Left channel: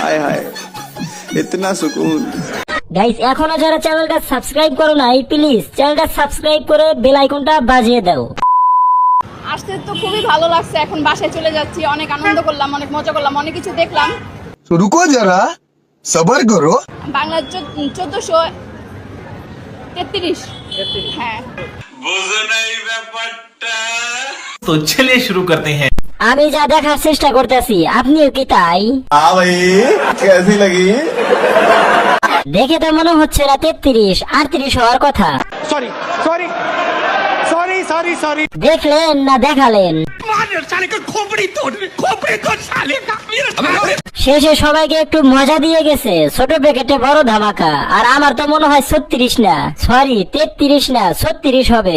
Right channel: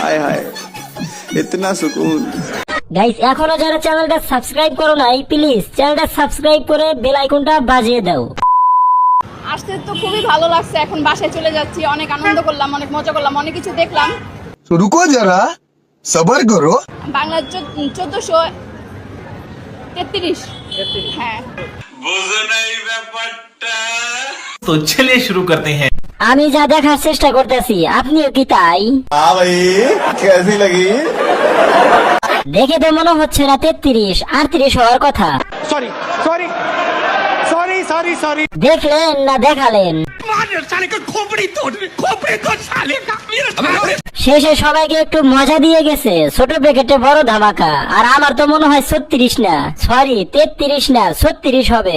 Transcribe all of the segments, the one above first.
हाय हाय इतना सुकून। গাইস এখনো যারা চ্যানেলটা সাবস্ক্রাইব করো নাই প্লিজ চ্যানেলটা সাবস্ক্রাইব করে বেল আইকনটা বাজিয়ে দাও। আসতে তো খুবই ভালো লাগছে, এখন বাসায় চলে যাচ্ছি। অনেক আনন্দ করলাম, অনেক মজা করলাম, অনেক কিছু দেখলাম। তো রুকো যারা, সবার করো। বাংলা 1433। হ্যাঁ, বুঝো নাই ব্যাপারটা। तो चलिए शुरू करते हैं। আমি যা দেখার চেষ্টা করতেছি আপনিও কি তাই? हाँ भाई कैसी लगी? দেখে তো মনে হচ্ছে রাত 33-38 হওয়ার কথা। সরি দেখলেন না দেখালেন? শেষে সবাইকে একটু মজা দিয়ে গেছে, ছোট প্যাকেটে বড় ধামাকা। আর আমার তো মনে হয় 36 না, সরি 33 না 36 হবে।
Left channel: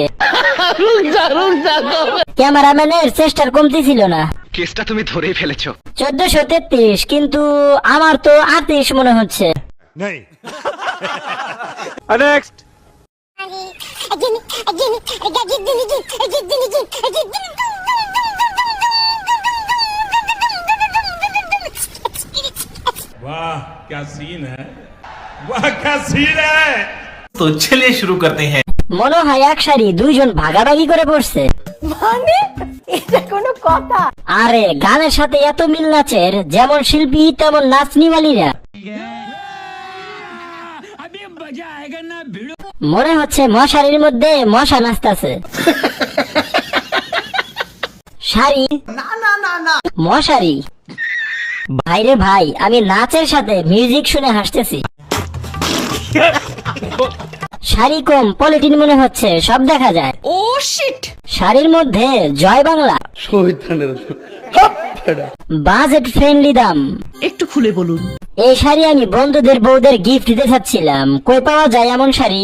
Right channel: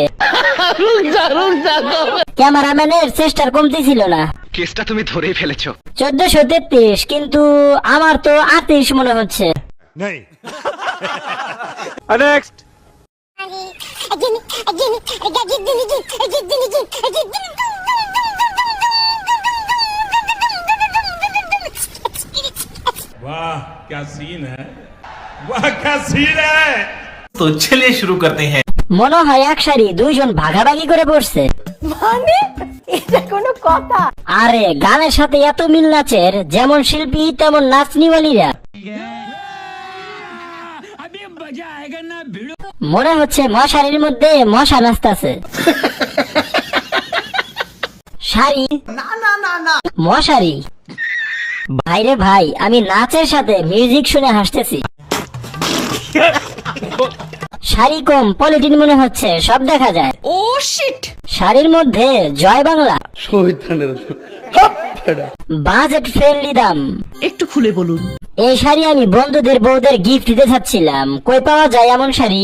ক্যামেরাম্যানের চেষ্টার কমতি ছিল না। কেসটা তুমি ধরেই ফেলেছো। 1433 কিন্তু আমার তো 38 মনে হচ্ছে। वाह क्या सीन है, वाह क्या सीन है। तो चलिए शुरू करते हैं। মনে হয় এক সারি দুইজন ভাগাভাগি করে পড়ছে। মানে এটা কোনো কথা? আরে গানের সাথে এত মিল নাচের, যেমন শিল্পী তেমন নাচনিওয়ালিরা। মনে হচ্ছে মশারির মধ্যে মশা নাচতেছে। শাড়ি মশারি। ভাইরে ভাই, আমি নাচের সাথে মিউজিক শুনে হাসতেছি। শাড়ি কম পলিটিন মনে হচ্ছে, সব দেখা যায়। ও শিট। শাড়ির মধ্যে জয় বাংলা, বাজেট ফ্রেন্ডলি দাম। একটু খুলে বলুন। এই শাড়ি আমি বন্ধুদের বউদের গিফট দিতে চাচ্ছিলাম, কই পাওয়া যায় এমন শাড়ি?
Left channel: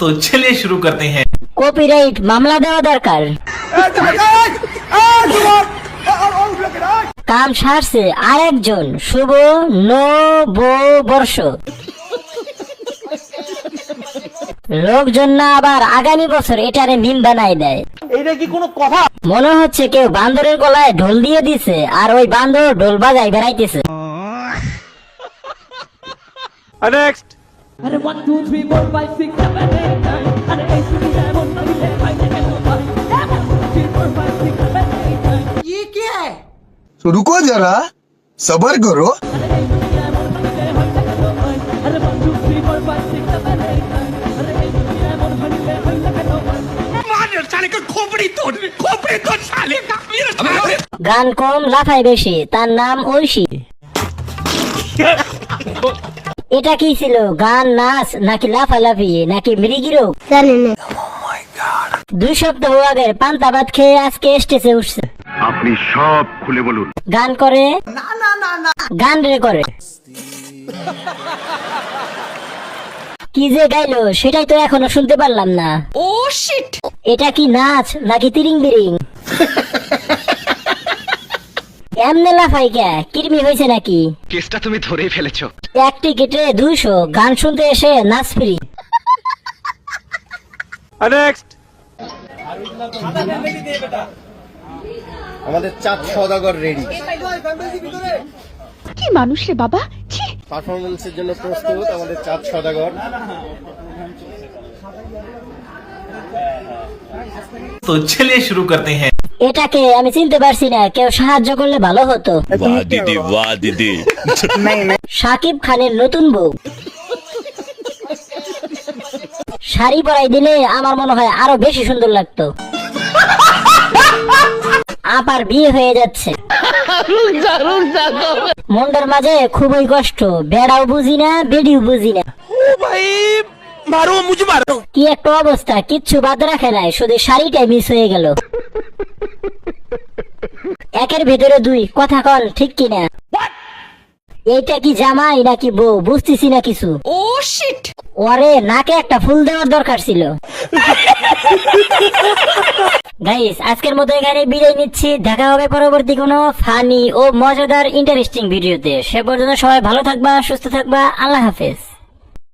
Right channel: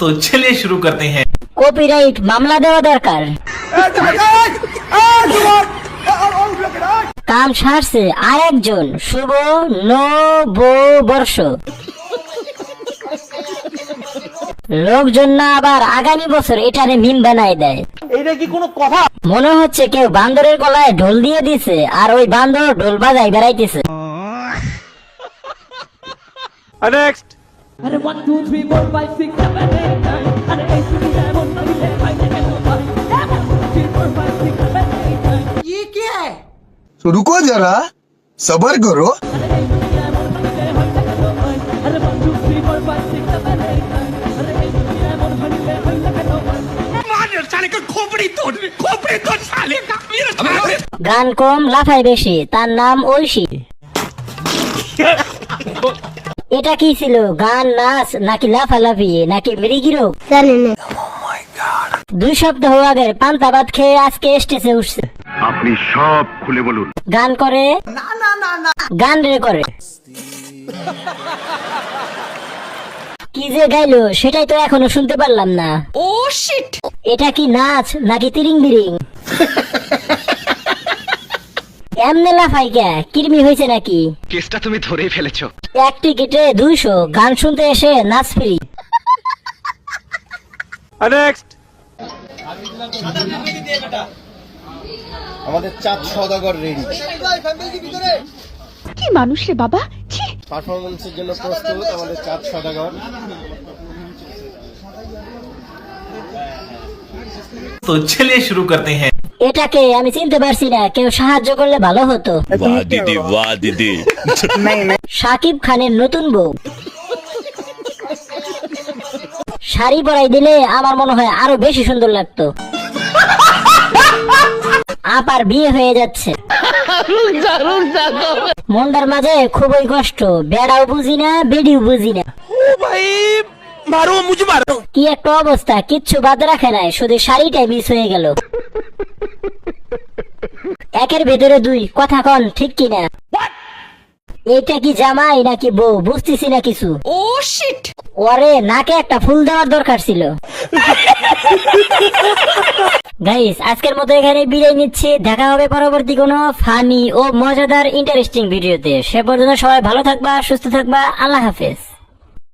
तो चलिए शुरू करते हैं। কপিরাইট মামলা দেওয়া দরকার। কাম সারছে আর একজন, শুভ নববর্ষ। লোকজন না আবার আগামী বছর এটারে মিম বানাই দেয়। এইটা কি কোনো কথা? মনে হচ্ছে কেউ বান্দরের গলায় ঢোল দিয়ে দিছে, আর ওই বান্দর ঢোল বাজাই বেড়াইতেছে। আরে 1 2 3 4 5 6 7 8 9 আরে এই তুমি এমন নইলে পাইলে কেন পাই 1 2 3 4 5 6 7 8 9 ये क्या है? তো রুকো যারা, সবার করো। আরে এই তুমি এমন নইলে হইলে কেন পাই আরে 1 2 3 4 5 6 7 8 9 আরে এই তুমি এমন নইলে হইলে কেন পাই मार साले का खोपड़ी तोड़ साले का। গান কম লাফায় বেশি, তার নাম ঐশী। এটা কি ছিল? গান, নাচ, নাকি লাফালাফি, নাকি মৃগীরোগ? 2 সপ্তাহ আগে পান্তা ভাত খেয়ে আজকে স্টেজে উঠছে। আপনি সব খুলে বলুন। গান করে গান রে করে। কি যে গাইলো সেটাই তো এখনো শুনতে পারলাম না। ও শিট। এটা কি নাচ নাকি তিরিং বিরিং? এমনে লাফাই কে, কিরমি হয়েছে নাকি? কেসটা তুমি ধরেই ফেলেছো। এক টিকেটে 200, গান শুনতে এসে নাচ ফ্রি। আমাদের চাঁদ সওদাগর রেডি। কি মানুষ রে বাবা, ছি। পারফরমেন্সের জন্য প্রস্তুত আমাদের চাঁদ সওদাগর। तो चलिए शुरू करते हैं। এটাকে আমি চিনতে পারছি না, কেউ সাহায্য করলে ভালো হতো। वाह दीदी শাকিব খানের নতুন বউ। শাড়ি পরাই দিলে আমার মনে হয় আরো বেশি সুন্দর লাগতো। আপার বিয়ে হয়ে যাচ্ছে, মনটার মাঝে খুবই কষ্ট। বেড়াও বুঝি না, বেডিও বুঝি না। मारो मुझे मारो। কি একটা অবস্থা, কিচ্ছু বাদ রাখে নাই, শুধু শাড়িটাই মিস হয়ে গেল। একের ভেতরে 2, কথা কন ঠিক কিনা? এইটা কি জামাই নাকি বউ বুঝতেছি না কিছু। ও শিট। ওরে নাকে একটা ফুল দেওয়ার দরকার ছিল। গাইস আজকের মতো এখানে বিদায় নিচ্ছি, দেখা হবে পরবর্তী কোনো ফানি ও মজাদার ইন্টারেস্টিং ভিডিওতে। সে পর্যন্ত সবাই ভালো থাকবা, সুস্থ থাকবা, আল্লাহ হাফেজ।